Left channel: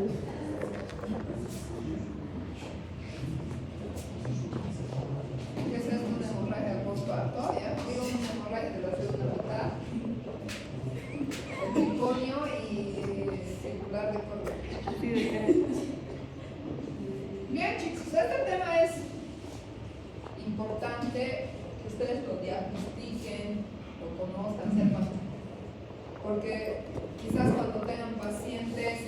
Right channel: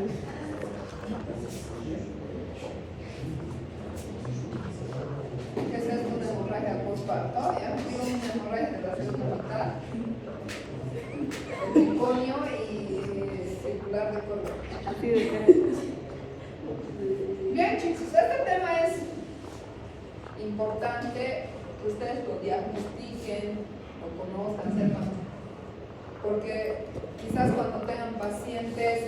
¿Qué es esto? Una hemorragia postparto, ya digo, una hemorragia de la segunda mitad, el meconio y circular de color. Bien, chicos, este tema es importante que ustedes lo diagnostiquen, lo conozcan, sepan, porque quizás cuando tengan pacientes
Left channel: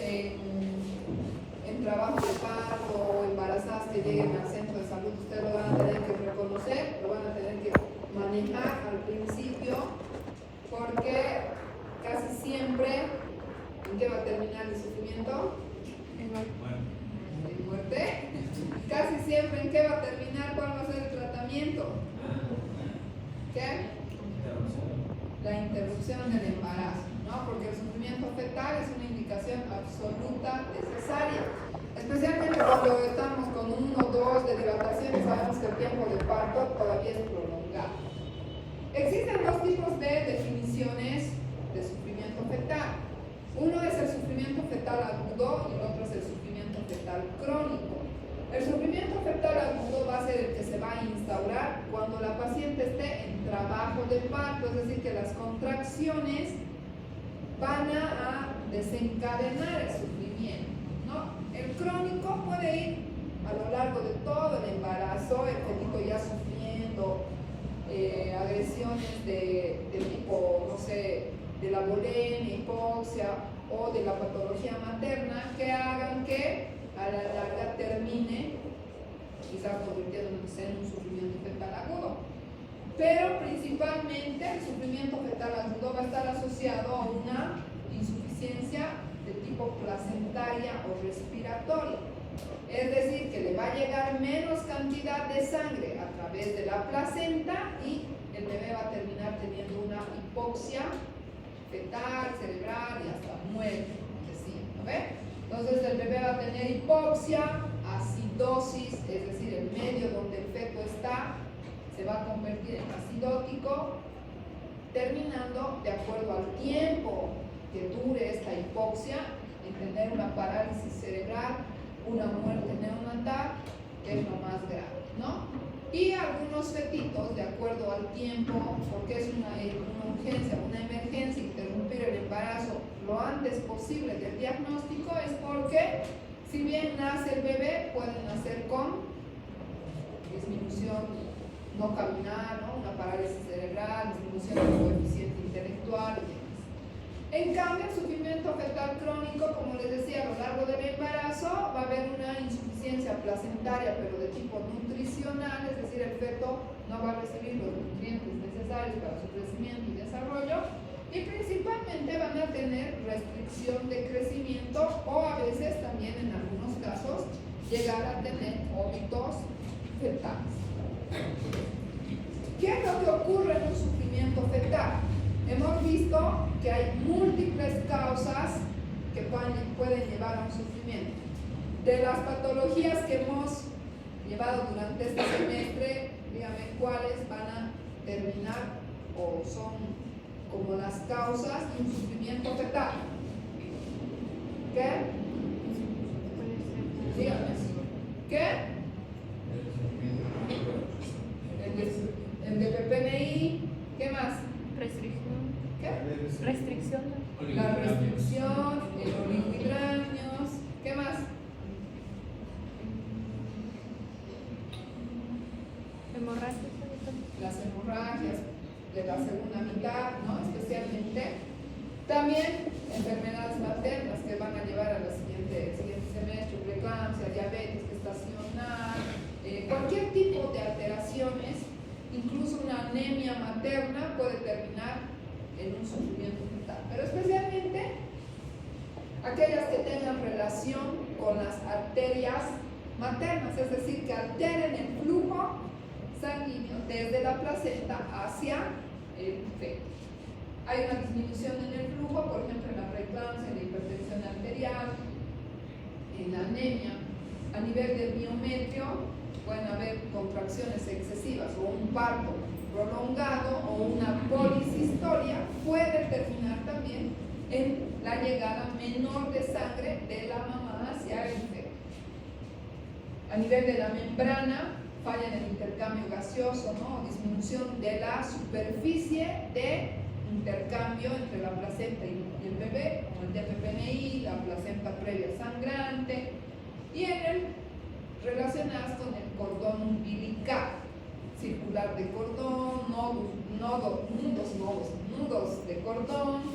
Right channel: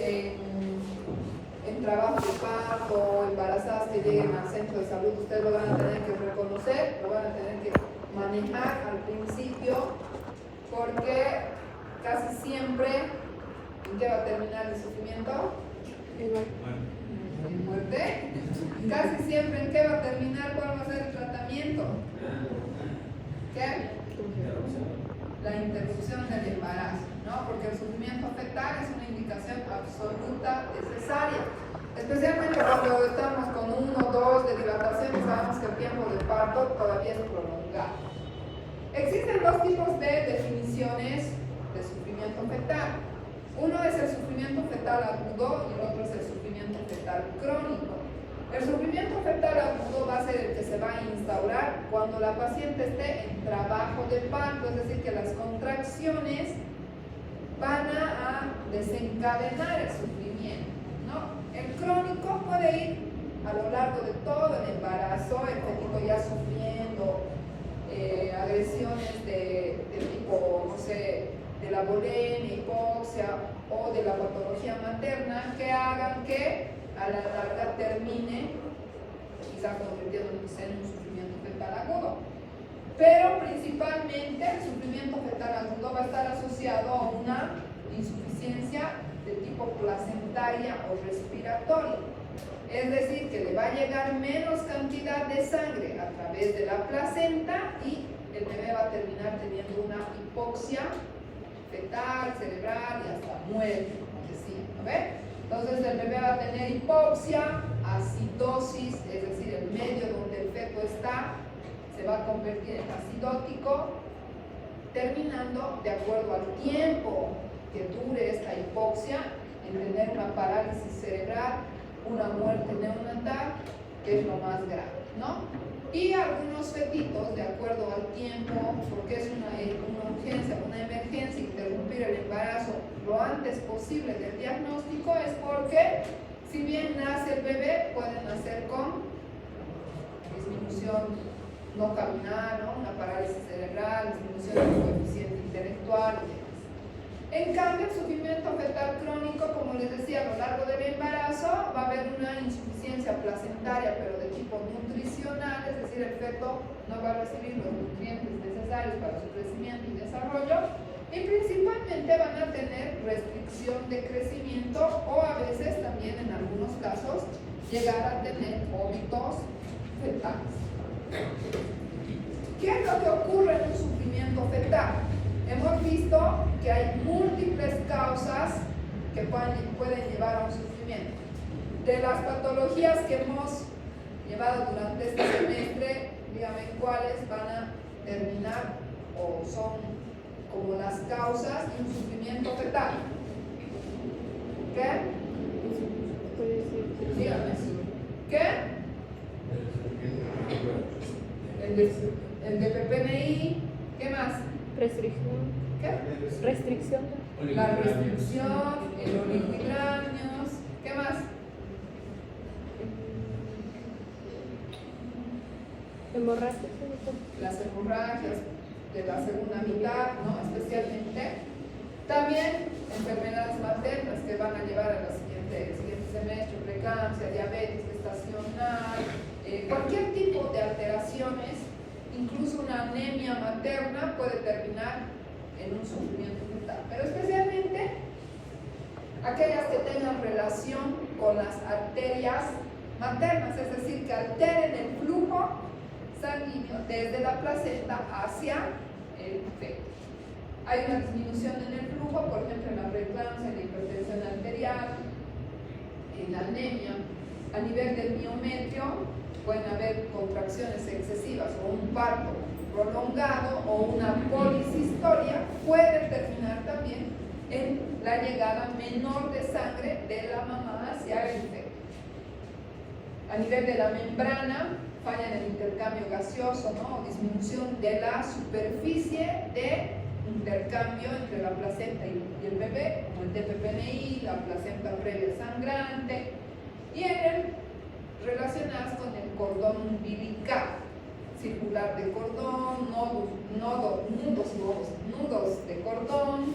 en trabajo de parto o embarazadas que lleguen al centro de salud, ustedes lo van a tener que reconocer, lo van a tener que manejar al principio, porque casi siempre, ¿en qué va a terminar el sufrimiento? En muerte. Casi siempre, ¿en qué va a terminar? ¿Cuál va a ser el tratamiento? ¿Qué? La interrupción del embarazo, ¿no? Porque el sufrimiento fetal es una indicación absoluta necesaria, especialmente cuando estamos con 1 o 2 de dilatación y sabemos que el tiempo de parto todavía es prolongado. Existen 2 tipos de definiciones de sufrimiento fetal. Uno es el sufrimiento fetal agudo y el otro es el sufrimiento fetal crónico. El sufrimiento fetal agudo va a ser el que se va a instaurar cuando la paciente esté en trabajo de parto, es decir, que las contracciones van a desencadenar el sufrimiento, ¿no? El crónico puede ir a lo largo de todo el embarazo, el fetito ya sufriendo agresiones de tipo, no sé, de la bulimia, hipoxia o de la patología materna que hagan que a la larga termine quizás convirtiéndose en un sufrimiento fetal agudo. Pero principalmente el sufrimiento fetal agudo va a estar asociado a una insuficiencia de tipo placentaria o respiratoria. Es decir, que le va a llegar menos cantidad de sangre a través de la placenta y el bebé va a terminar teniendo una hipoxia fetal, cerebral y hasta muerte, como decía, ¿no ve? Entonces el bebé va a tener hipoxia, acidosis, es decir, el medio donde el feto está se va a convertir en acidótico, terminando, de acuerdo al tiempo que dure esta hipoxia, en tener una parálisis cerebral, una muerte neonatal, que es lo más grave, ¿no? Y algunos fetitos, de acuerdo al tiempo, porque es una urgencia, una emergencia, interrumpir el embarazo lo antes posible del diagnóstico, es porque si bien nace el bebé, puede nacer con disminución no caminar, ¿no? Una parálisis cerebral, disminución del coeficiente intelectual. En cambio, el sufrimiento fetal crónico, como les decía, a lo largo del embarazo va a haber una insuficiencia placentaria, pero de tipo nutricional, es decir, el feto no va a recibir los nutrientes necesarios para su crecimiento y desarrollo, y principalmente van a tener restricción de crecimiento o a veces también en algunos casos llegar a tener óbitos fetales. ¿Qué es lo que ocurre en un sufrimiento fetal? Hemos visto que hay múltiples causas que pueden llevar a un sufrimiento. De las patologías que hemos llevado durante este semestre, dígame cuáles van a terminar o son como las causas de un sufrimiento fetal. ¿Qué? Dígame. ¿Qué? El de PPNI. ¿Qué más? Restricción. ¿Qué? Restricción. La restricción, el oligohidramios. ¿Qué más? Hemorragia. Las hemorragias de la segunda mitad, ¿no? Especialmente. También enfermedades maternas que van a llevar al siguiente semestre, preeclampsia, diabetes gestacional, cualquier tipo de alteraciones, incluso una anemia materna puede terminar en un sufrimiento fetal. Pero especialmente aquellas que tengan relación con las arterias maternas, es decir, que alteren el flujo sanguíneo desde la placenta hacia el feto. Hay una disminución en el flujo, por ejemplo, en la preeclampsia, en la hipertensión arterial, en la anemia. A nivel del miometrio pueden haber contracciones excesivas o un parto prolongado o una policistoria puede terminar también en la llegada menor de sangre de la mamá hacia el feto. A nivel de la membrana, falla en el intercambio gaseoso, ¿no? O disminución de la superficie de intercambio entre la placenta y el bebé, como el DPPNI, la placenta previa sangrante, y relacionadas con el cordón umbilical, circular de cordón, nudos de cordón,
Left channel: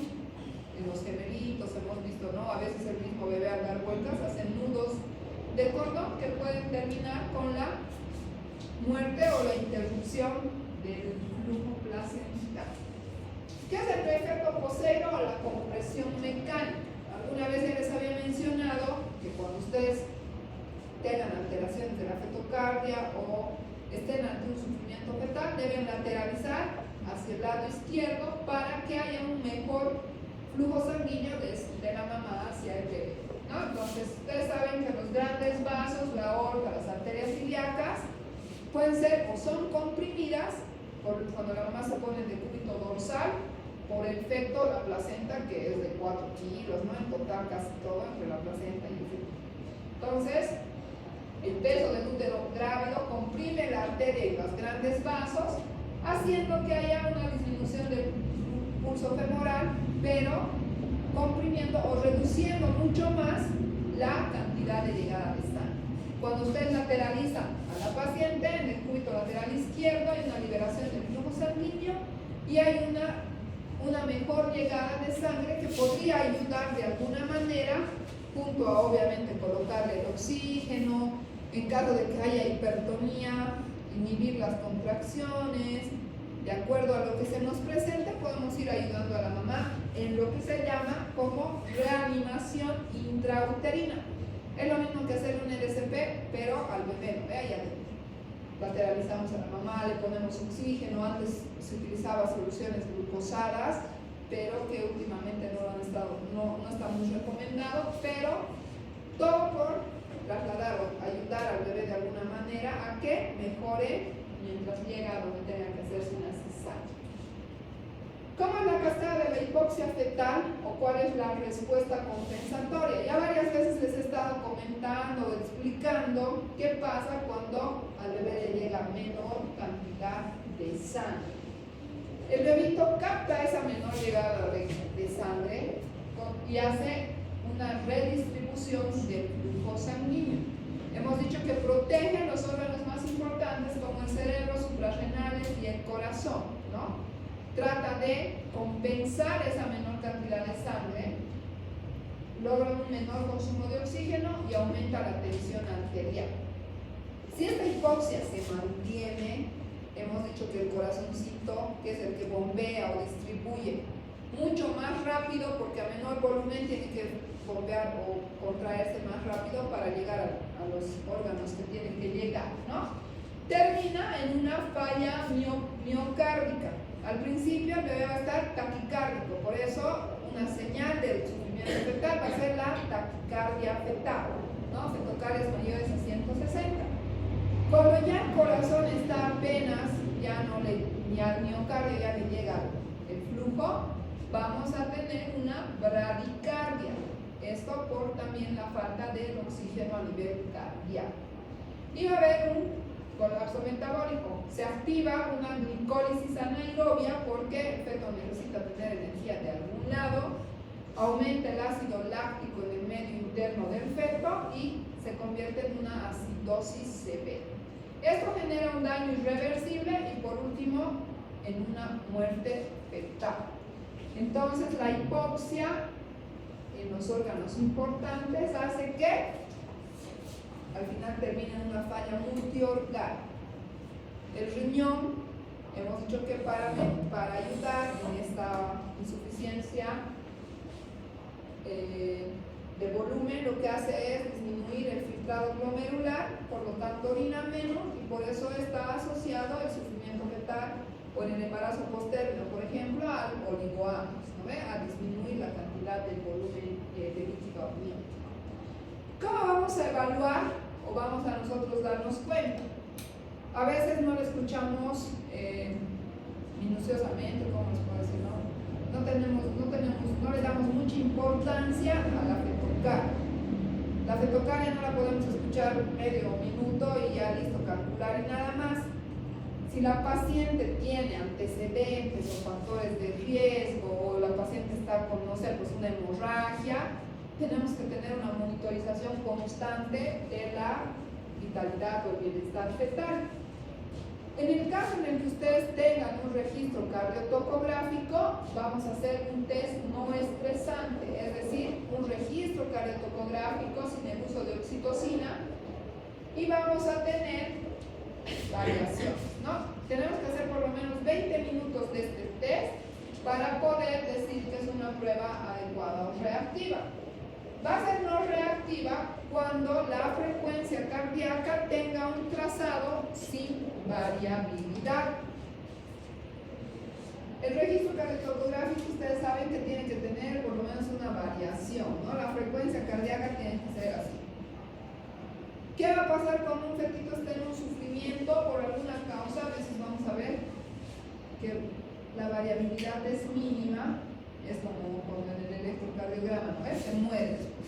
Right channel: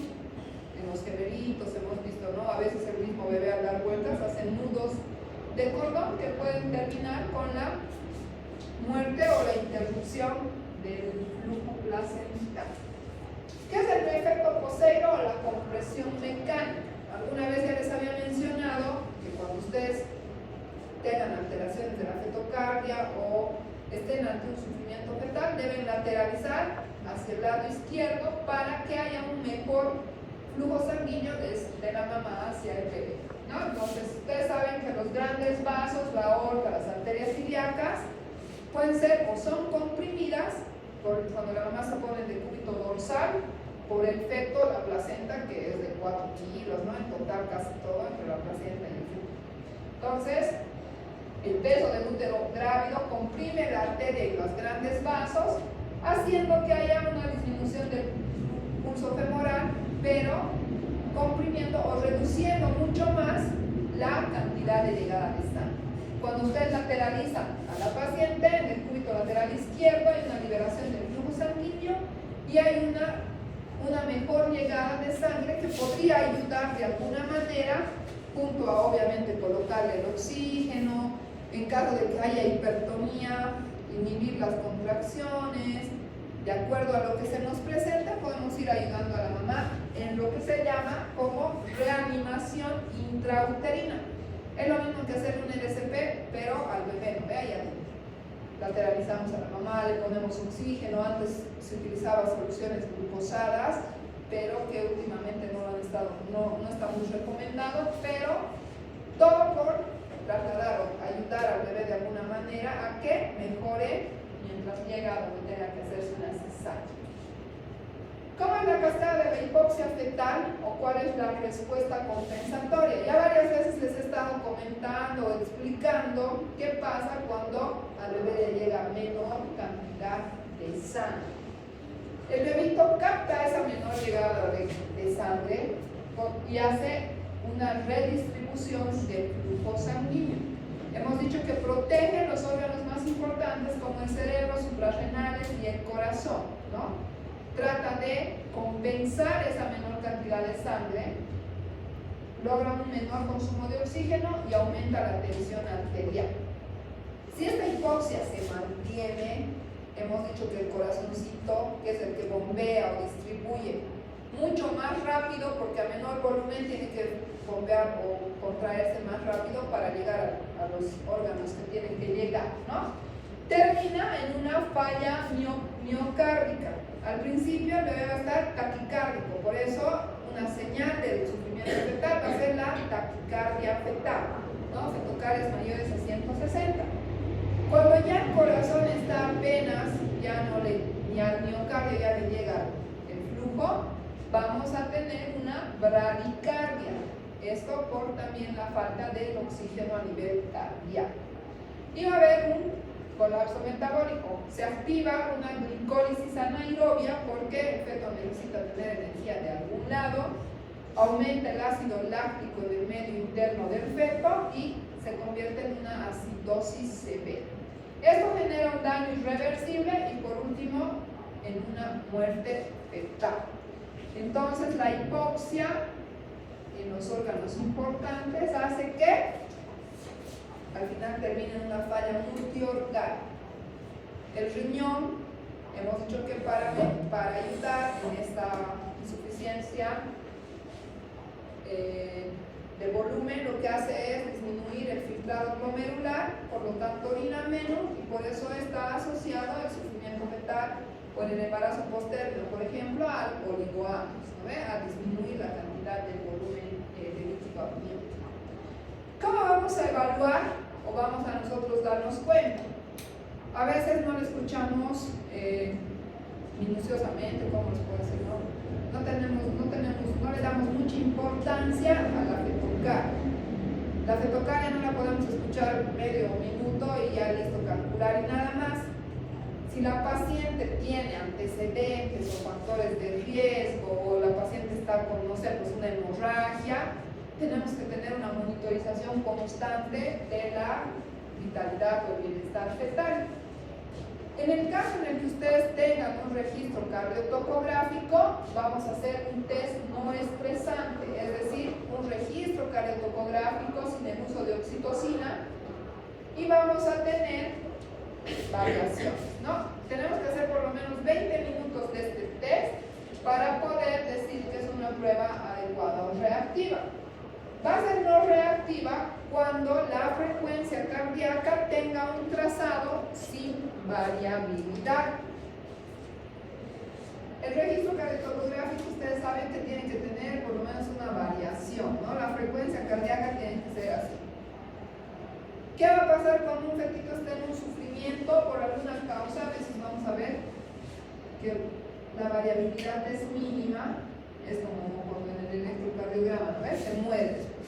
en los gemelitos hemos visto, ¿no? A veces el mismo bebé al dar vueltas hace nudos de cordón que pueden terminar con la muerte o la interrupción del flujo placental. ¿Qué es el efecto Poseiro o la compresión mecánica? Alguna vez ya les había mencionado que cuando ustedes tengan alteraciones de la fetocardia o estén ante un sufrimiento fetal, deben lateralizar hacia el lado izquierdo para que haya un mejor flujo sanguíneo de la mamá hacia el bebé, ¿no? Entonces, ustedes saben que los grandes vasos, la aorta, las arterias ilíacas, pueden ser o son comprimidas cuando la mamá se pone en decúbito dorsal por el feto, la placenta, que es de 4 kilos, ¿no? En total casi todo entre la placenta y el feto. Entonces, el peso del útero grávido comprime la arteria y los grandes vasos, haciendo que haya una disminución del pulso femoral, pero comprimiendo o reduciendo mucho más la cantidad de llegada de sangre. Cuando ustedes lateralizan a la paciente, en el cúbito lateral izquierdo hay una liberación del flujo sanguíneo y hay una mejor llegada de sangre que podría ayudar de alguna manera, junto a obviamente colocarle el oxígeno, en caso de que haya hipertonía, inhibir las contracciones. De acuerdo a lo que se nos presenta, podemos ir ayudando a la mamá en lo que se llama como reanimación intrauterina. Es lo mismo que hacer un LSP, pero al bebé, ¿no? Allá adentro. Lateralizamos a la mamá, le ponemos oxígeno. Antes se utilizaba soluciones glucosadas, pero que últimamente no está muy recomendado, pero todo por trasladar o ayudar al bebé de alguna manera a que mejore mientras llega a donde tenga que hacerse una cesárea. ¿Cómo es la cascada de la hipoxia fetal o cuál es la respuesta compensatoria? Ya varias veces les he estado comentando o explicando qué pasa cuando al bebé le llega menor cantidad de sangre. El bebito capta esa menor llegada de sangre y hace una redistribución del flujo sanguíneo. Hemos dicho que protege los órganos más importantes como el cerebro, suprarrenales y el corazón, ¿no? Trata de compensar esa menor cantidad de sangre, logra un menor consumo de oxígeno y aumenta la tensión arterial. Si esta hipoxia se mantiene, hemos dicho que el corazoncito, que es el que bombea o distribuye mucho más rápido, porque a menor volumen tiene que bombear o contraerse más rápido para llegar a los órganos que tienen que llegar, ¿no? Termina en una falla miocárdica. Al principio el bebé va a estar taquicárdico, por eso una señal del sufrimiento fetal va a ser la taquicardia fetal, ¿no? Fetocarias mayores a 160. Cuando ya el corazón está apenas, ni al miocardio ya le llega el flujo, vamos a tener una bradicardia. Esto por también la falta del oxígeno a nivel cardíaco. Y va a haber un colapso metabólico. Se activa una glicólisis anaerobia porque el feto necesita tener energía de algún lado, aumenta el ácido láctico del medio interno del feto y se convierte en una acidosis severa. Esto genera un daño irreversible y por último en una muerte fetal. Entonces la hipoxia en los órganos importantes hace que al final termina en una falla multiorgánica. El riñón, hemos dicho que para ayudar en esta insuficiencia de volumen, lo que hace es disminuir el filtrado glomerular, por lo tanto orina menos y por eso está asociado el sufrimiento fetal o en el embarazo posterior, por ejemplo, al oligoamnios, ¿no? A disminuir la cantidad de volumen de líquido amniótico. ¿Cómo vamos a evaluar o vamos a nosotros darnos cuenta? A veces no lo escuchamos minuciosamente, ¿cómo les puedo decir? No le damos mucha importancia a la fetocardia. La fetocardia no la podemos escuchar medio minuto y ya listo calcular y nada más. Si la paciente tiene antecedentes o factores de riesgo o la paciente está con, no sé, pues una hemorragia, tenemos que tener una monitorización constante de la vitalidad o el bienestar fetal. En el caso en el que ustedes tengan un registro cardiotocográfico, vamos a hacer un test no estresante, es decir, un registro cardiotocográfico sin el uso de oxitocina y vamos a tener variaciones, ¿no? Tenemos que hacer por lo menos 20 minutos de este test para poder decir que es una prueba adecuada o reactiva. Va a ser no reactiva cuando la frecuencia cardíaca tenga un trazado sin variabilidad. El registro cardiotocográfico, ustedes saben que tiene que tener por lo menos una variación, ¿no? La frecuencia cardíaca tiene que ser así. ¿Qué va a pasar cuando un fetito esté en un sufrimiento por alguna causa? A veces vamos a ver que la variabilidad es mínima, es como en el electrocardiograma, ¿ves? Se muere después.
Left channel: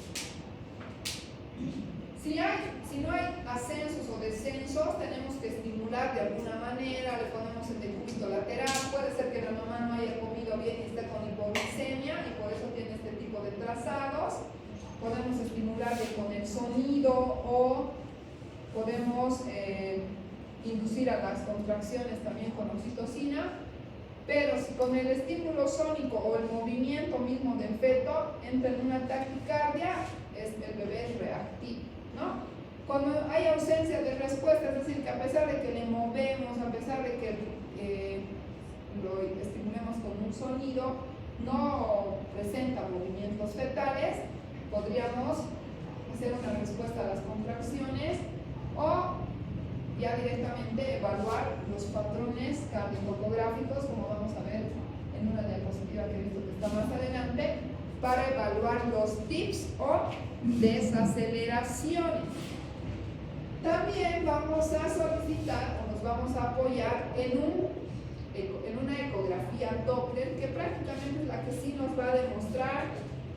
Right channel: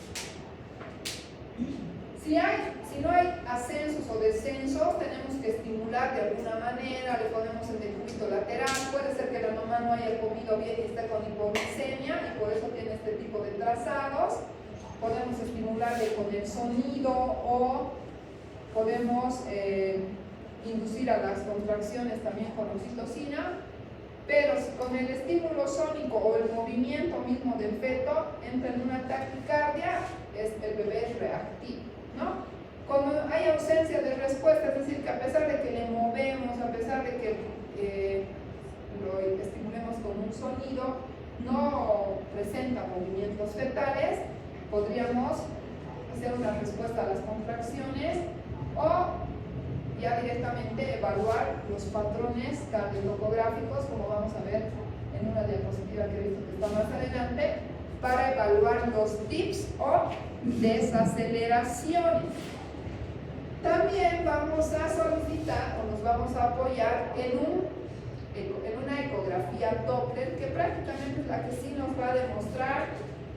Si no hay ascensos o descensos, tenemos que estimular de alguna manera, le ponemos el decúbito lateral, puede ser que la mamá no haya comido bien y esté con hipoglicemia y por eso tiene este tipo de trazados. Podemos estimularle con el sonido o podemos inducir a las contracciones también con oxitocina, pero si con el estímulo sónico o el movimiento mismo del feto entra en una taquicardia, el bebé es reactivo, ¿no? Cuando hay ausencia de respuesta, es decir, que a pesar de que le movemos, a pesar de que lo estimulemos con un sonido, no presenta movimientos fetales, podríamos hacer una respuesta a las contracciones o ya directamente evaluar los patrones cardiotocográficos, como vamos a ver en una diapositiva que he visto que está más adelante, para evaluar los tips o desaceleraciones. También vamos a solicitar o nos vamos a apoyar en una ecografía Doppler, que prácticamente es la que sí nos va a demostrar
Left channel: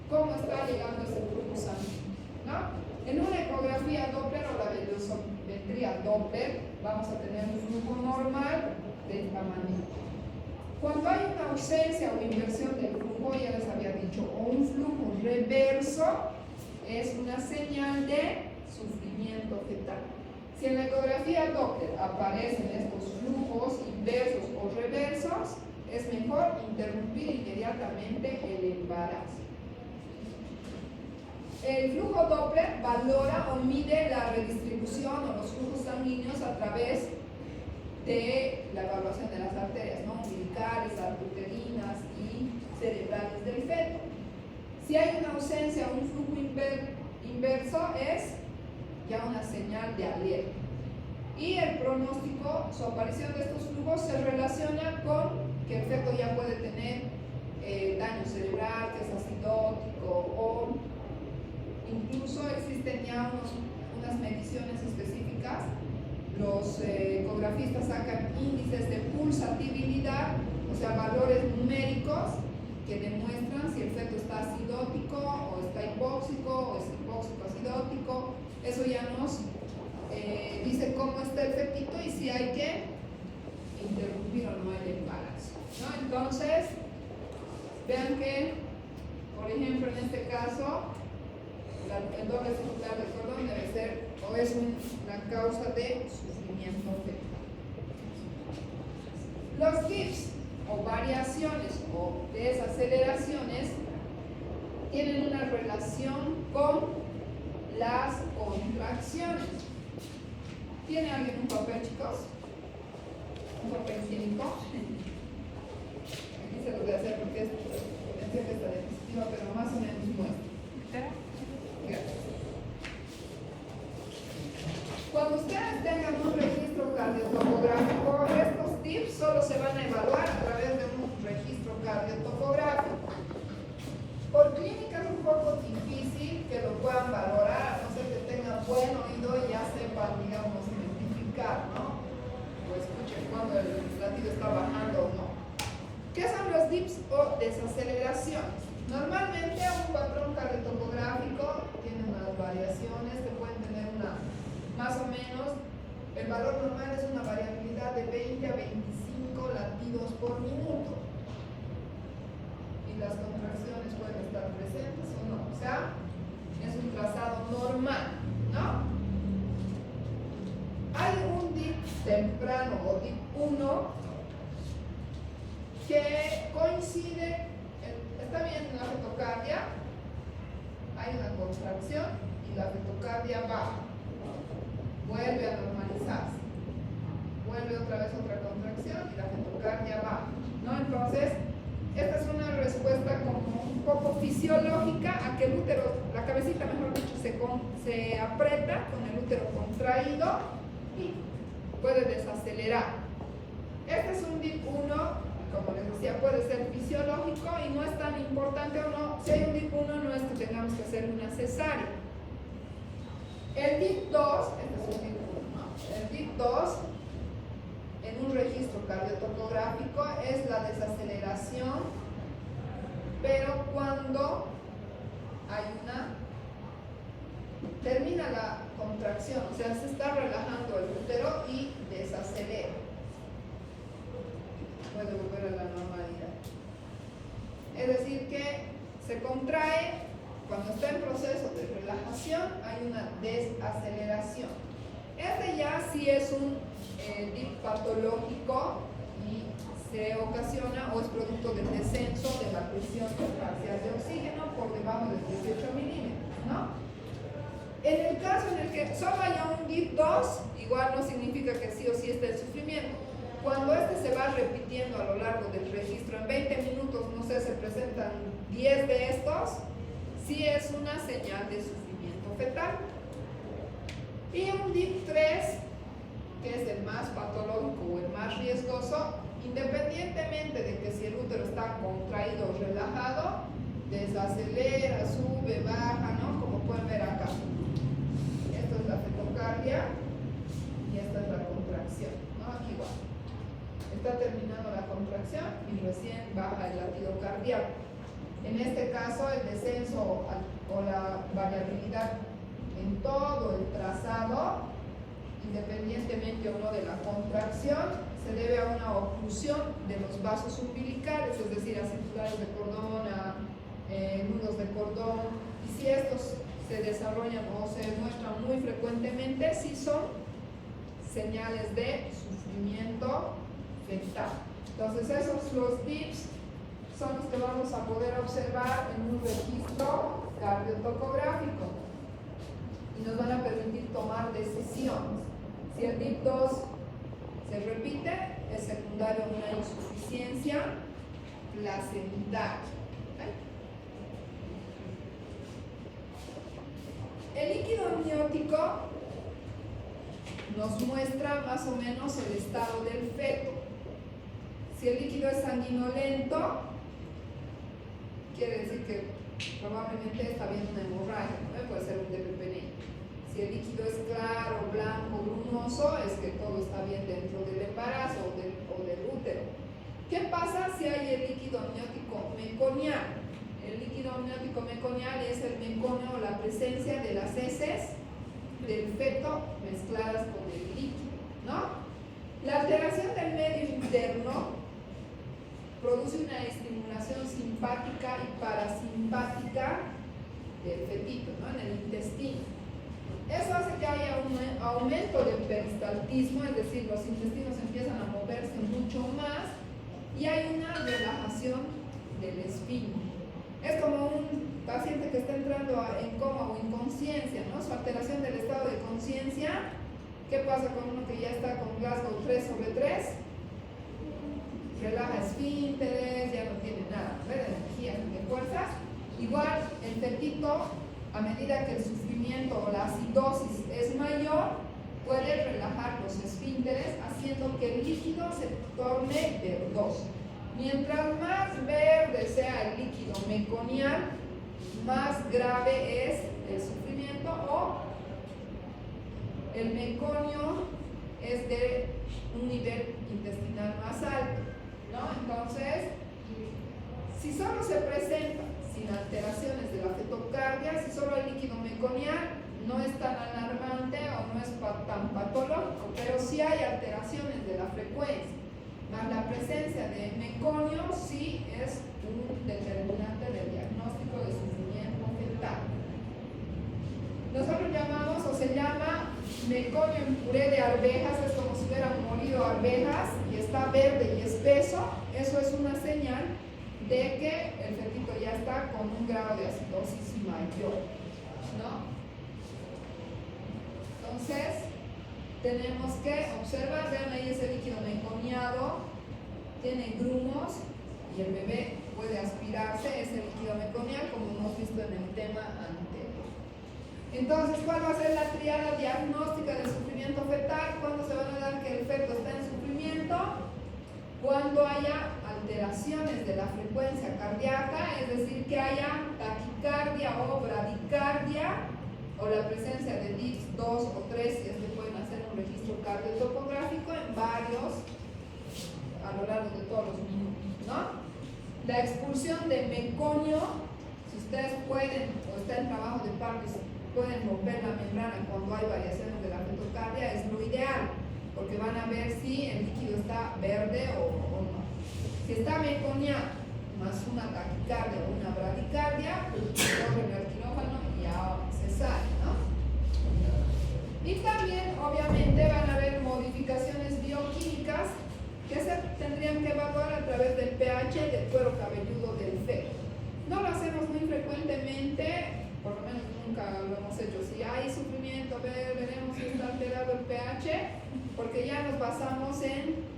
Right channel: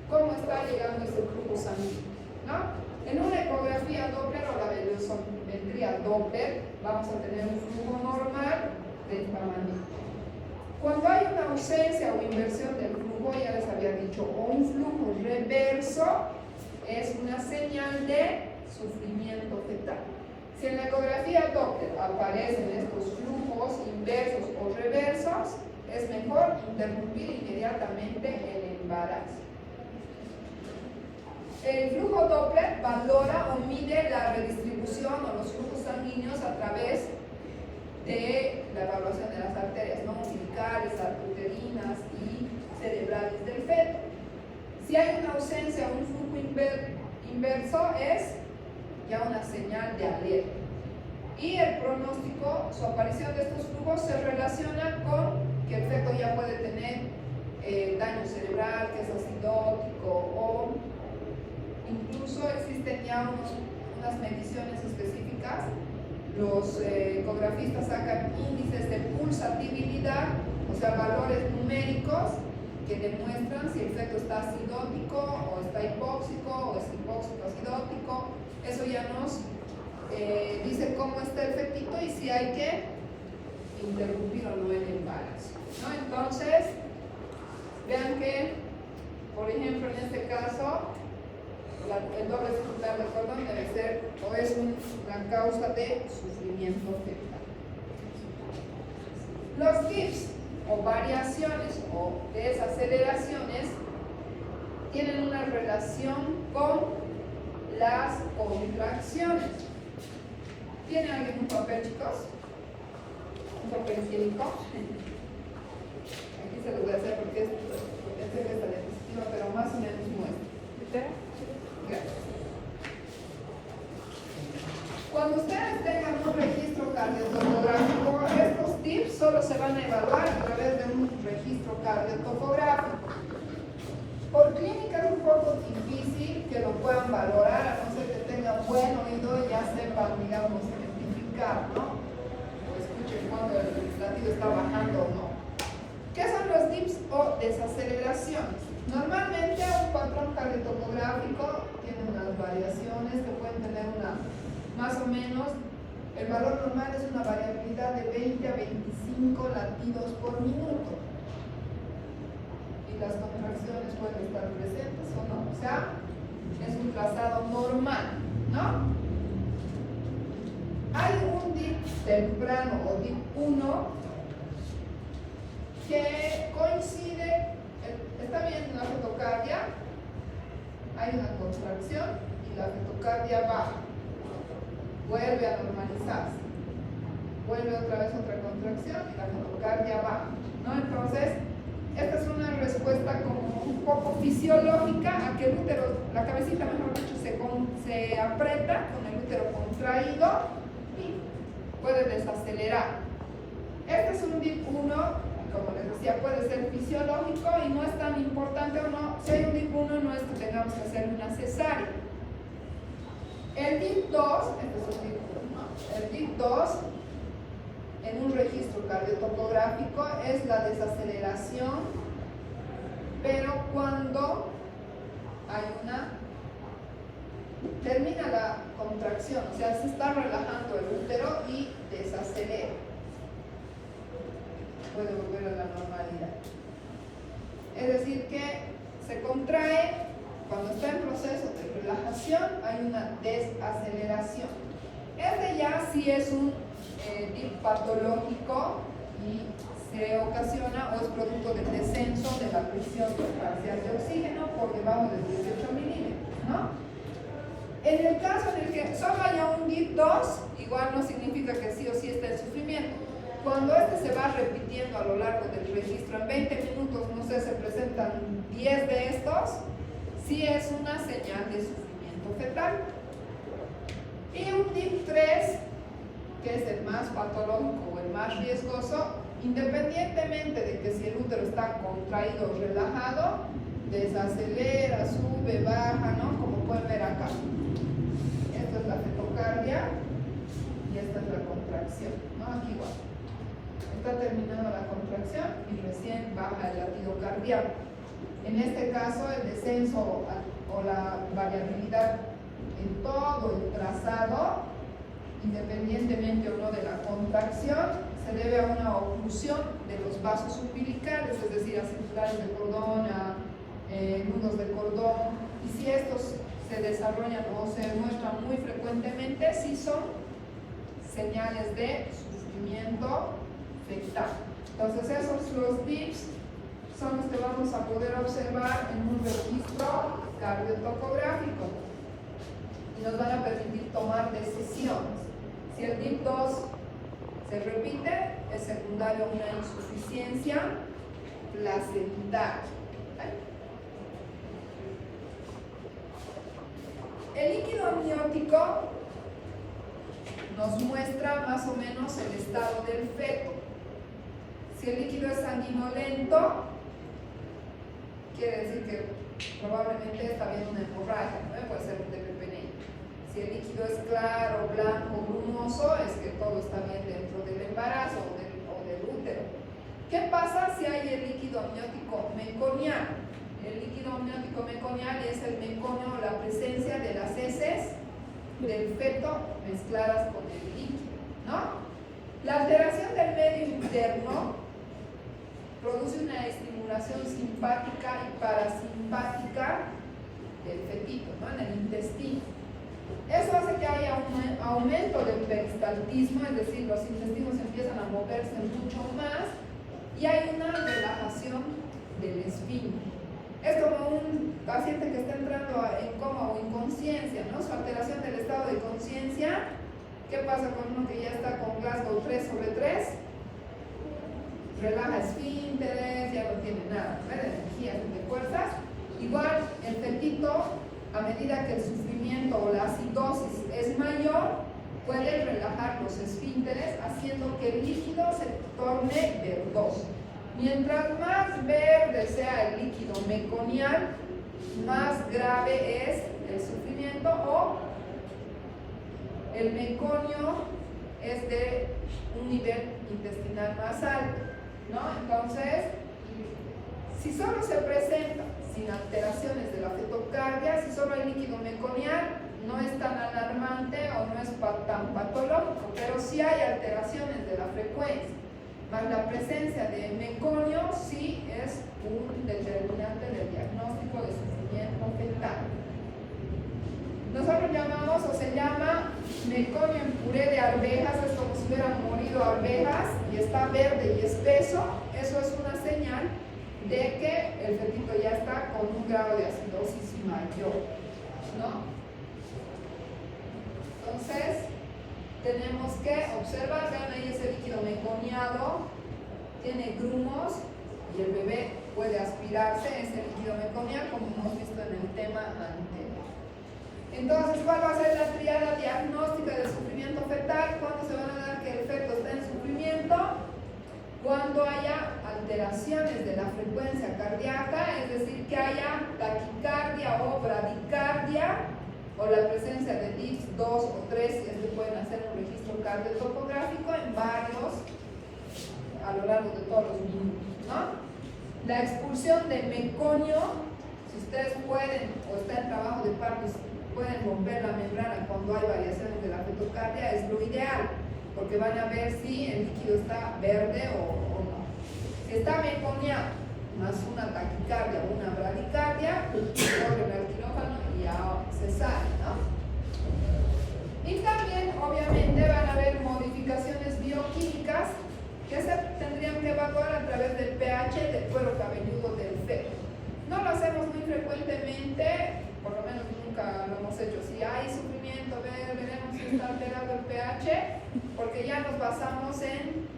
cómo está llegando ese flujo sanguíneo, ¿no? En una ecografía Doppler o la velosometría Doppler vamos a tener un flujo normal del mamamito. Cuando hay una ausencia o inversión del flujo, ya les había dicho, o un flujo reverso, es una señal de sufrimiento fetal. Si en la ecografía Doppler aparecen estos flujos inversos o reversos, es mejor interrumpir inmediatamente el embarazo. El flujo Doppler valora o mide la redistribución o los flujos sanguíneos a través de la evaluación de las arterias, ¿no? Umbilicales, arteriuterinas y cerebrales del feto. Si hay una ausencia o un flujo inverso, es ya una señal de alerta. Y el pronóstico, su aparición de estos flujos se relaciona con que el feto ya puede tener daño cerebral, que es acidótico, o incluso existen ya unas mediciones específicas. Los ecografistas sacan índices de pulsatividad, o sea, valores numéricos que demuestran si el feto está acidótico o está hipóxico o es hipóxico acidótico. Eso ya nos dice cómo está el fetito y si hay que interrumpir o no el embarazo, ¿no? Entonces, vean que, por ejemplo, en este caso, el doble circular del cordón debe ser o es una causa de sufrimiento fetal. Los tips o variaciones o desaceleraciones tienen una relación con las contracciones. ¿Tienen alguien un papel, chicos? ¿Un papel higiénico? Aquí se lo voy a hacer porque este es el dispositivo, pero más o menos muestra. Gracias. Cuando ustedes tengan un registro cardiotocográfico, estos tips solo se van a evaluar a través de un registro cardiotocográfico. Por clínica es un poco difícil que lo puedan valorar, a no ser que tengan buen oído y ya sepan, digamos, identificar, ¿no? O escuchen cuando el latido está bajando o no. ¿Qué son los dips o desaceleraciones? Normalmente un patrón cardiotocográfico tiene unas variaciones que pueden tener más o menos, el valor normal es una variabilidad de 20 a 25 latidos por minuto. Y las contracciones pueden estar presentes o no. O sea, es un trazado normal, ¿no? Hay un DIP temprano o DIP 1 que coincide, está bien en la fetocardia, hay una contracción y la fetocardia baja, vuelve a normalizarse, vuelve otra vez otra contracción y la fetocardia baja, ¿no? Entonces, esta es una respuesta como un poco fisiológica a que el útero, la cabecita mejor dicho, se aprieta con el útero contraído y puede desacelerar. Este es un DIP 1, como les decía, puede ser fisiológico y no es tan importante o no. Si hay un DIP 1 no es que tengamos que hacer una cesárea. El DIP 2, este es un DIP 1, ¿no? El DIP 2 en un registro cardiotocográfico es la desaceleración, pero cuando hay termina la contracción, o sea, se está relajando el útero y desacelera. Puede volver a la normalidad. Es decir, que se contrae, cuando está en proceso de relajación, hay una desaceleración. Este ya sí es un DIP patológico y se ocasiona o es producto del descenso de la presión parcial de oxígeno por debajo de 18 milímetros, ¿no? En el caso en el que solo haya un DIP 2, igual no significa que sí o sí está el sufrimiento. Cuando este se va repitiendo a lo largo del registro, en 20 minutos, no sé, se presentan 10 de estos, sí es una señal de sufrimiento fetal. Y un DIP 3, que es el más patológico o el más riesgoso, independientemente de que si el útero está contraído o relajado, desacelera, sube, baja, ¿no? Como pueden ver acá. Esto es la fetocardia y esta es la contracción, ¿no? Aquí igual. Está terminando la contracción y recién baja el latido cardíaco. En este caso, el descenso o la variabilidad en todo el trazado, independientemente o no de la contracción, se debe a una oclusión de los vasos umbilicales, es decir, a circulares de cordón, a nudos de cordón, y si estos se desarrollan o se muestran muy frecuentemente, sí son señales de sufrimiento fetal. Entonces esos los DIPs son los que vamos a poder observar en un registro cardiotocográfico y nos van a permitir tomar decisiones. Si el DIP 2 se repite, es secundario a una insuficiencia placentaria. El líquido amniótico nos muestra más o menos el estado del feto. Si el líquido es sanguinolento, quiere decir que probablemente está habiendo una hemorragia, ¿no? Puede ser un DPPNI. Si el líquido es claro, blanco, brumoso, es que todo está bien dentro del embarazo o del útero. ¿Qué pasa si hay el líquido amniótico meconial? El líquido amniótico meconial es el meconio, la presencia de las heces del feto mezcladas con el líquido, ¿no? La alteración del medio interno produce una estimulación simpática y parasimpática del fetito, ¿no? En el intestino. Eso hace que haya un aumento del peristaltismo, es decir, los intestinos empiezan a moverse mucho más y hay una relajación del esfínter. Es como un paciente que está entrando en coma o inconsciencia, ¿no? Su alteración del estado de conciencia. ¿Qué pasa con uno que ya está con Glasgow 3/3? Relaja esfínteres, ya no tiene nada, ¿no? De energía, de fuerzas. Igual el fetito, a medida que el sufrimiento o la acidosis es mayor, puede relajar los esfínteres, haciendo que el líquido se torne verdoso. Mientras más verde sea el líquido meconial, más grave es el sufrimiento, o el meconio es de un nivel intestinal más alto, ¿no? Entonces, si solo se presenta sin alteraciones de la fetocardia, si solo hay líquido meconial, pero sí hay alteraciones de la frecuencia. Más la presencia de meconio sí es un determinante del diagnóstico de sufrimiento fetal. Nosotros llamamos, o se llama, meconio en puré de arvejas, es como si hubieran molido arvejas y está verde y espeso. Eso es una señal de que el fetito ya está con un grado de acidosis mayor, ¿no? Entonces, tenemos que observar, vean ahí ese líquido meconiado, tiene grumos y el bebé puede aspirarse ese líquido meconiado, como hemos visto en el tema anterior. Entonces, ¿cuál va a ser la triada diagnóstica del sufrimiento fetal? ¿Cuándo se van a dar que el feto está en sufrimiento? Cuando haya alteraciones de la frecuencia cardíaca, es decir, que haya taquicardia o bradicardia, o la presencia de DIPS 2 o 3, si es que pueden hacer un registro cardiotopográfico en varios, a lo largo de todos los minutos, ¿no? La expulsión de meconio, si ustedes pueden, o está en trabajo de parto, pueden romper la membrana cuando hay variaciones de la fetocardia, es lo ideal, porque van a ver si el líquido está verde o no. Si está meconiado, más una taquicardia o una bradicardia, corren al quirófano y a cesárea, ¿no? Y también, obviamente, van a haber modificaciones bioquímicas que se tendrían que evaluar a través del pH del cuero cabelludo del feto. No lo hacemos muy frecuentemente, por lo menos nunca lo hemos hecho. Si hay sufrimiento, veremos si está alterado el pH, porque ya nos basamos en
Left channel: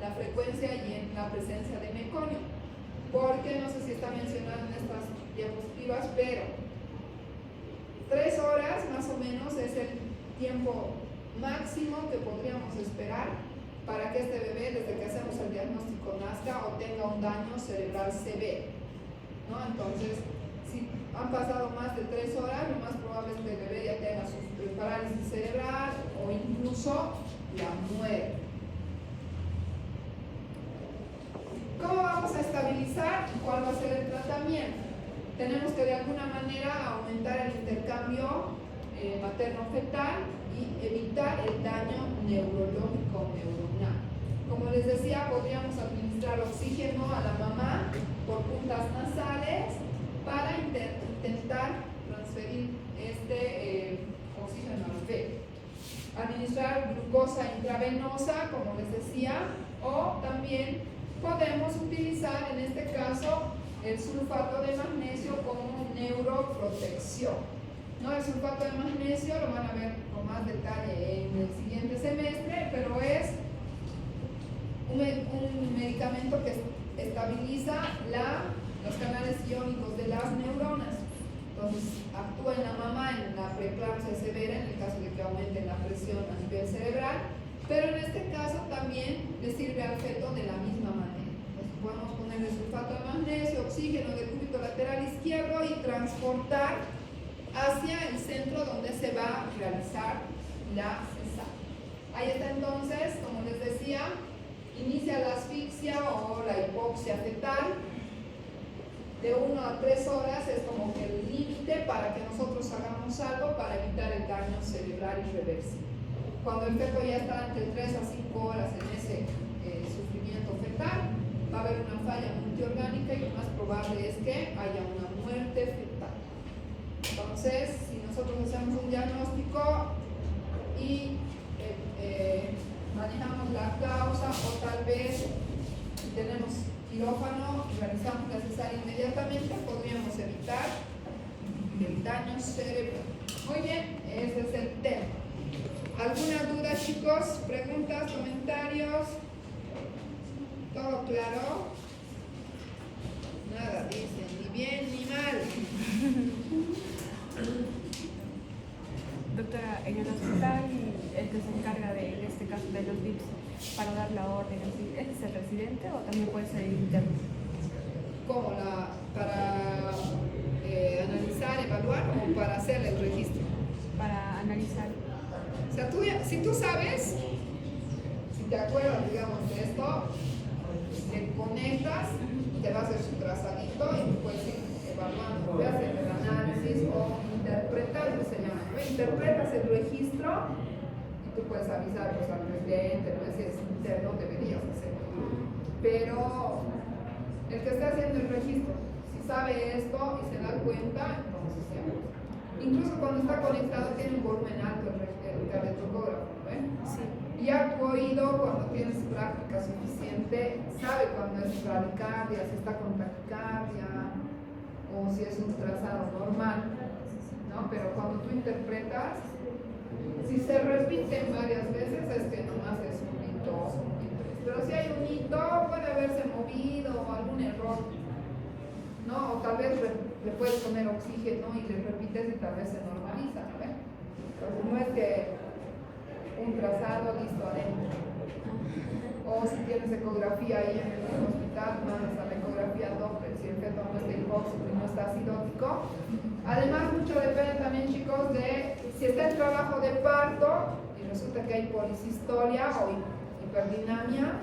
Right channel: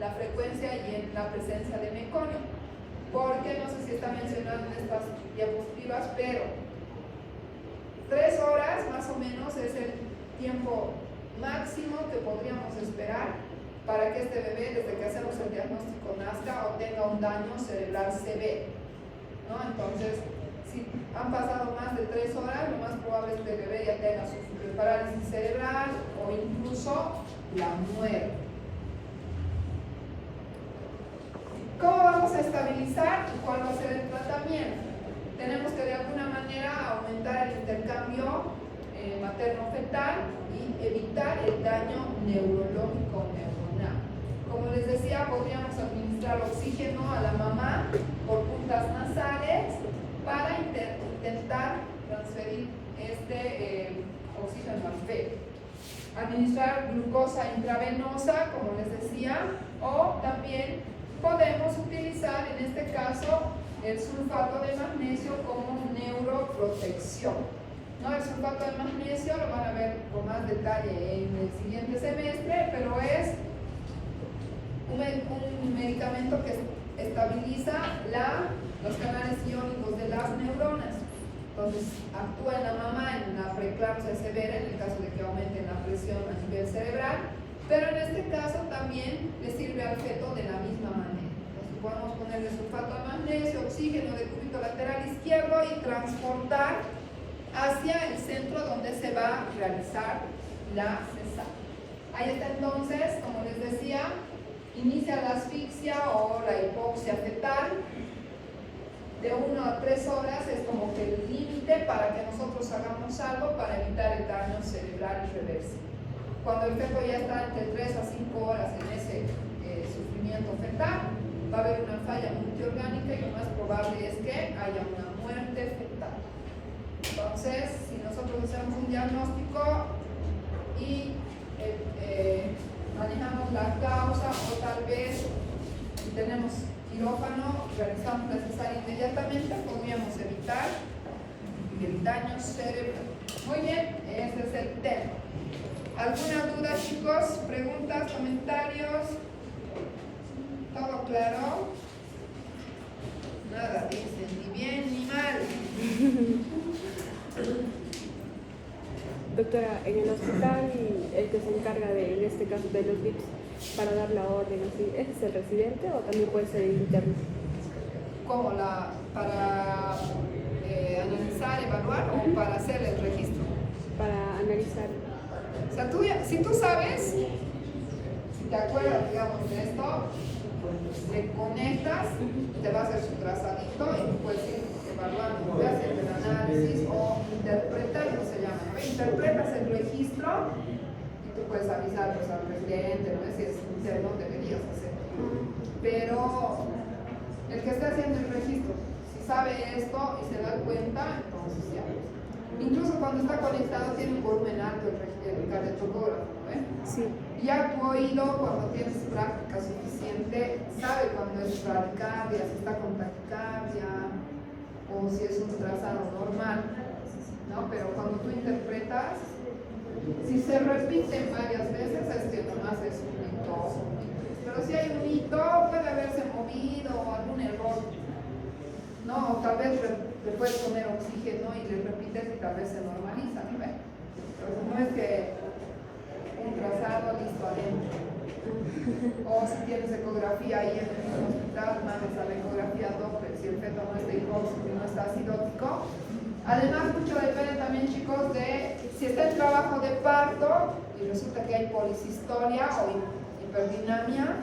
la frecuencia y en la presencia de meconio. Porque no sé si está mencionado en estas diapositivas, pero 3 horas más o menos es el tiempo máximo que podríamos esperar para que este bebé, desde que hacemos el diagnóstico, nazca o tenga un daño cerebral severo, ¿no? Entonces, si han pasado más de 3 horas, lo más probable es que el bebé ya tenga su parálisis cerebral o incluso la muerte. ¿Cómo vamos a estabilizar y cuándo hacer el tratamiento? Tenemos que de alguna manera aumentar el intercambio materno-fetal y evitar el daño neurológico neuronal. Como les decía, podríamos administrar oxígeno a la mamá por puntas nasales para intentar transferir este oxígeno al feto. Administrar glucosa intravenosa, como les decía, o también podemos utilizar en este caso el sulfato de magnesio como neuroprotección, ¿no? El sulfato de magnesio lo van a ver con más detalle en el siguiente semestre, pero es un medicamento que estabiliza los canales iónicos de las neuronas. Entonces, actúa en la mamá en la preeclampsia severa en el caso de que aumente la presión a nivel cerebral, pero en este caso también le sirve al feto de la misma manera. Entonces, podemos ponerle sulfato de magnesio, oxígeno del cúbito lateral izquierdo y transportar hacia el centro donde se va a realizar la cesárea. Ahí está entonces, como les decía, inicia la asfixia o la hipoxia fetal. De 1 a 3 horas es como que el límite para que nosotros hagamos algo para evitar el daño cerebral irreversible. Cuando el feto ya está entre 3 a 5 horas en ese sufrimiento fetal, va a haber una falla multiorgánica y lo más probable es que haya una muerte fetal. Entonces, si nosotros hacemos un diagnóstico y manejamos la causa o tal vez si tenemos quirófano, realizamos la cesárea inmediatamente, podríamos evitar el daño cerebral. Muy bien, ese es el tema. ¿Alguna duda, chicos? ¿Preguntas? ¿Comentarios? ¿Todo claro? Nada dice, ni bien ni mal. Doctora, en el hospital, el que se encarga de, en este caso, de los DIPS para dar la orden así, ¿es el residente o también puede ser el interno? ¿Cómo? ¿Para analizar, evaluar o para hacer el registro? Para analizar. O sea, si tú sabes, si te acuerdas, digamos, de esto, te conectas, te va a hacer su trazadito y tú puedes ir evaluando, puedes hacer el análisis o interpretando, se llama, ¿no? Interpretas el registro y tú puedes avisar pues, al presidente, no sé si es interno, deberías hacer. Pero el que esté haciendo el registro, si sabe esto y se da cuenta, entonces ya. Incluso cuando está conectado tiene un volumen alto el cardiotocógrafo, ¿no ves? Sí. Ya tu oído, cuando tienes práctica suficiente, sabe cuando es bradicardia, si está con taquicardia o si es un trazado normal, ¿no? Pero cuando tú interpretas, si se repiten varias veces, es que nomás es un hito o un hito. Pero si hay un hito, puede haberse movido o algún error. No, tal vez le puedes poner oxígeno y le repites y tal vez se normaliza, ¿no ves? Entonces no es que un trazado listo adentro. O si tienes ecografía ahí en el hospital, mandas a la ecografía Doppler si el feto no es delcoso y no está acidótico. Además, mucho depende también, chicos, de si está en trabajo de parto y resulta que hay policistolia o hiperdinamia,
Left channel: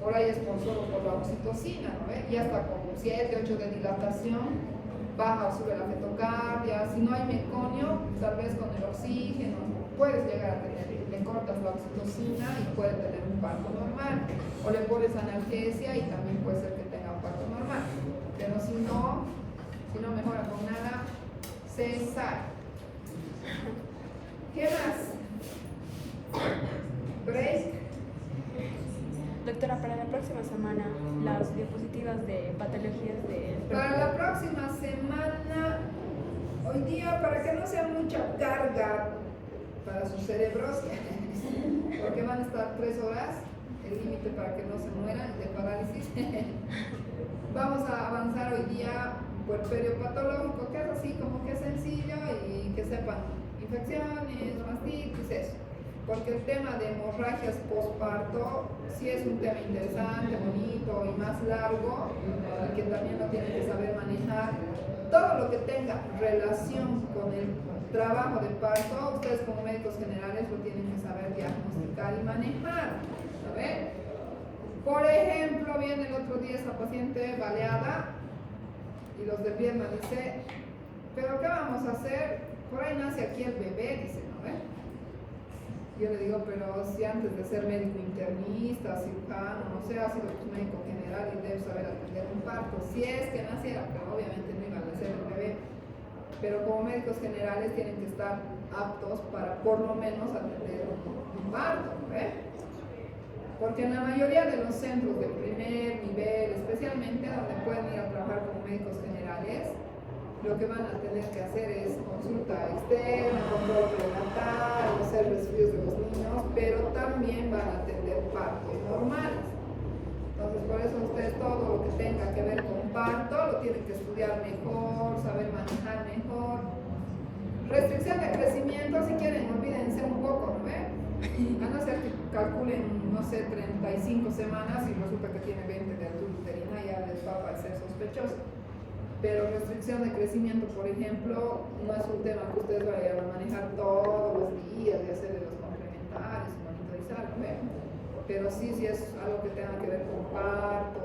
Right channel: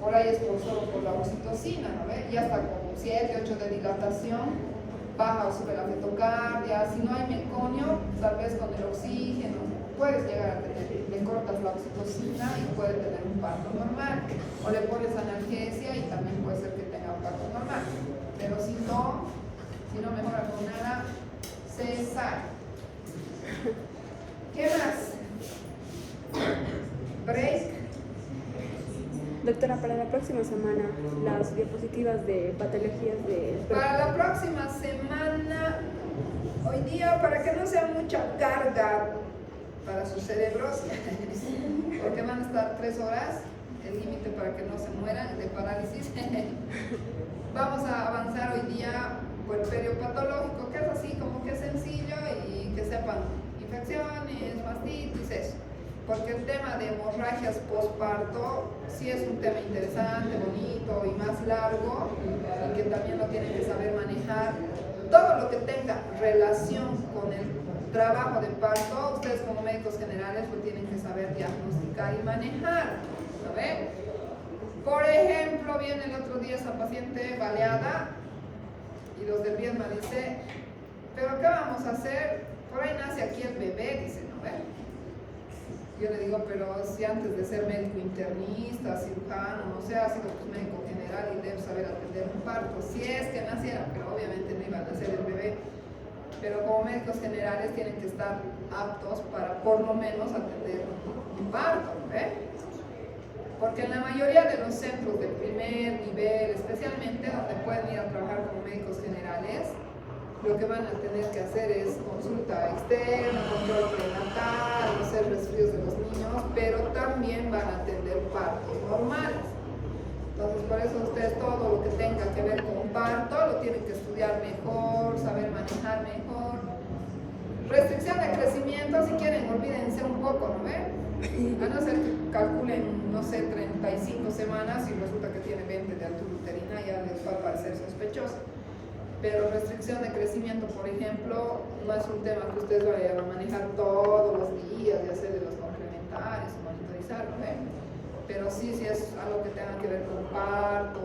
por ahí es por la oxitocina, ¿no ves? Ya está con 7, 8 de dilatación, baja o sube la fetocardia. Si no hay meconio, tal vez con el oxígeno puedes llegar a tener, le cortas la oxitocina y puede tener un parto normal. O le pones analgesia y también puede ser que tenga un parto normal. Pero si no mejora con nada, cesárea. ¿Qué más? Break. Doctora, para la próxima semana, las diapositivas de patologías de... Para la próxima semana, hoy día, para que no sea mucha carga para sus cerebros, porque van a estar 3 horas, el límite para que no se mueran de parálisis, vamos a avanzar hoy día por el periopatológico, que es así como que sencillo y que sepan infecciones, mastitis, eso. Porque el tema de hemorragias postparto sí es un tema interesante, bonito y más largo, y que también lo tienen que saber manejar. Todo lo que tenga relación con el trabajo de parto, ustedes como médicos generales lo tienen que saber diagnosticar y manejar. ¿Lo ven? Por ejemplo, viene el otro día esa paciente baleada y los de Viedma dice, ¿pero qué vamos a hacer? Por ahí nace aquí el bebé, dice, ¿no ven? Yo le digo, pero si antes de ser médico internista, cirujano, no sé, ha sido pues, médico general y debe saber atender un parto, si es que naciera, pero obviamente no iba a nacer el bebé. Pero como médicos generales tienen que estar aptos para por lo menos atender un parto, ¿no? Porque en la mayoría de los centros de primer nivel, especialmente donde pueden ir a trabajar como médicos generales, lo que van a tener que hacer es consulta externa, control prenatal, hacer resfríos de los niños, pero también van a atender partos normales. Entonces, por eso ustedes todo lo que tenga que ver con parto lo tienen que estudiar mejor, saber manejar mejor. Restricción de crecimiento, si quieren, olvídense un poco, ¿no ven? A no ser que calculen, no sé, 35 semanas y resulta que tiene 20 de altura uterina, ya les va a parecer sospechoso. Pero restricción de crecimiento, por ejemplo, no es un tema que ustedes vayan a manejar todos los días y hacer de los complementarios y monitorizar, ¿no ven? Pero sí es algo que tenga que ver con parto,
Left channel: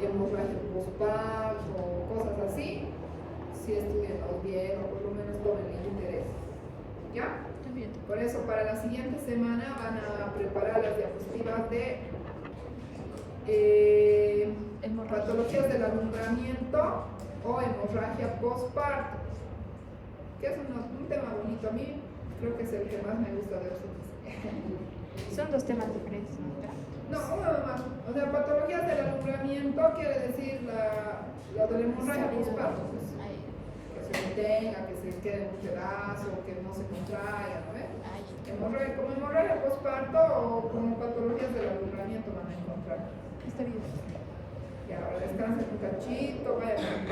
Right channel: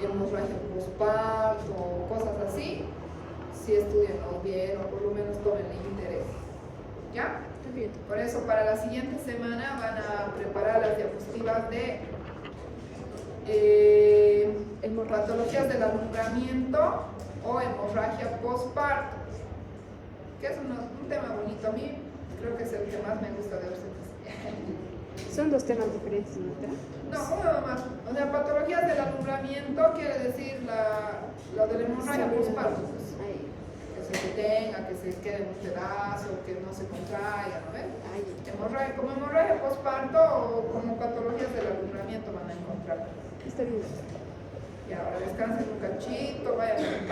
hemorragia postparto, cosas así, sí estudienlos bien o por lo menos tomen el interés. ¿Ya? Bien. Por eso para la siguiente semana van a preparar las diapositivas de patologías del alumbramiento o hemorragia postparto, que es un tema bonito. A mí creo que es el que más me gusta de obstetricia. Son 2 temas diferentes, ¿no? No, uno nomás. O sea, patologías del alumbramiento quiere decir lo de la hemorragia postparto, pues, que se detenga, que se quede en un pedazo, que no se contraiga, ¿no ven? Como hemorragia postparto o como patologías del alumbramiento van a encontrar. Está bien. Y ahora descansen un cachito, vayan a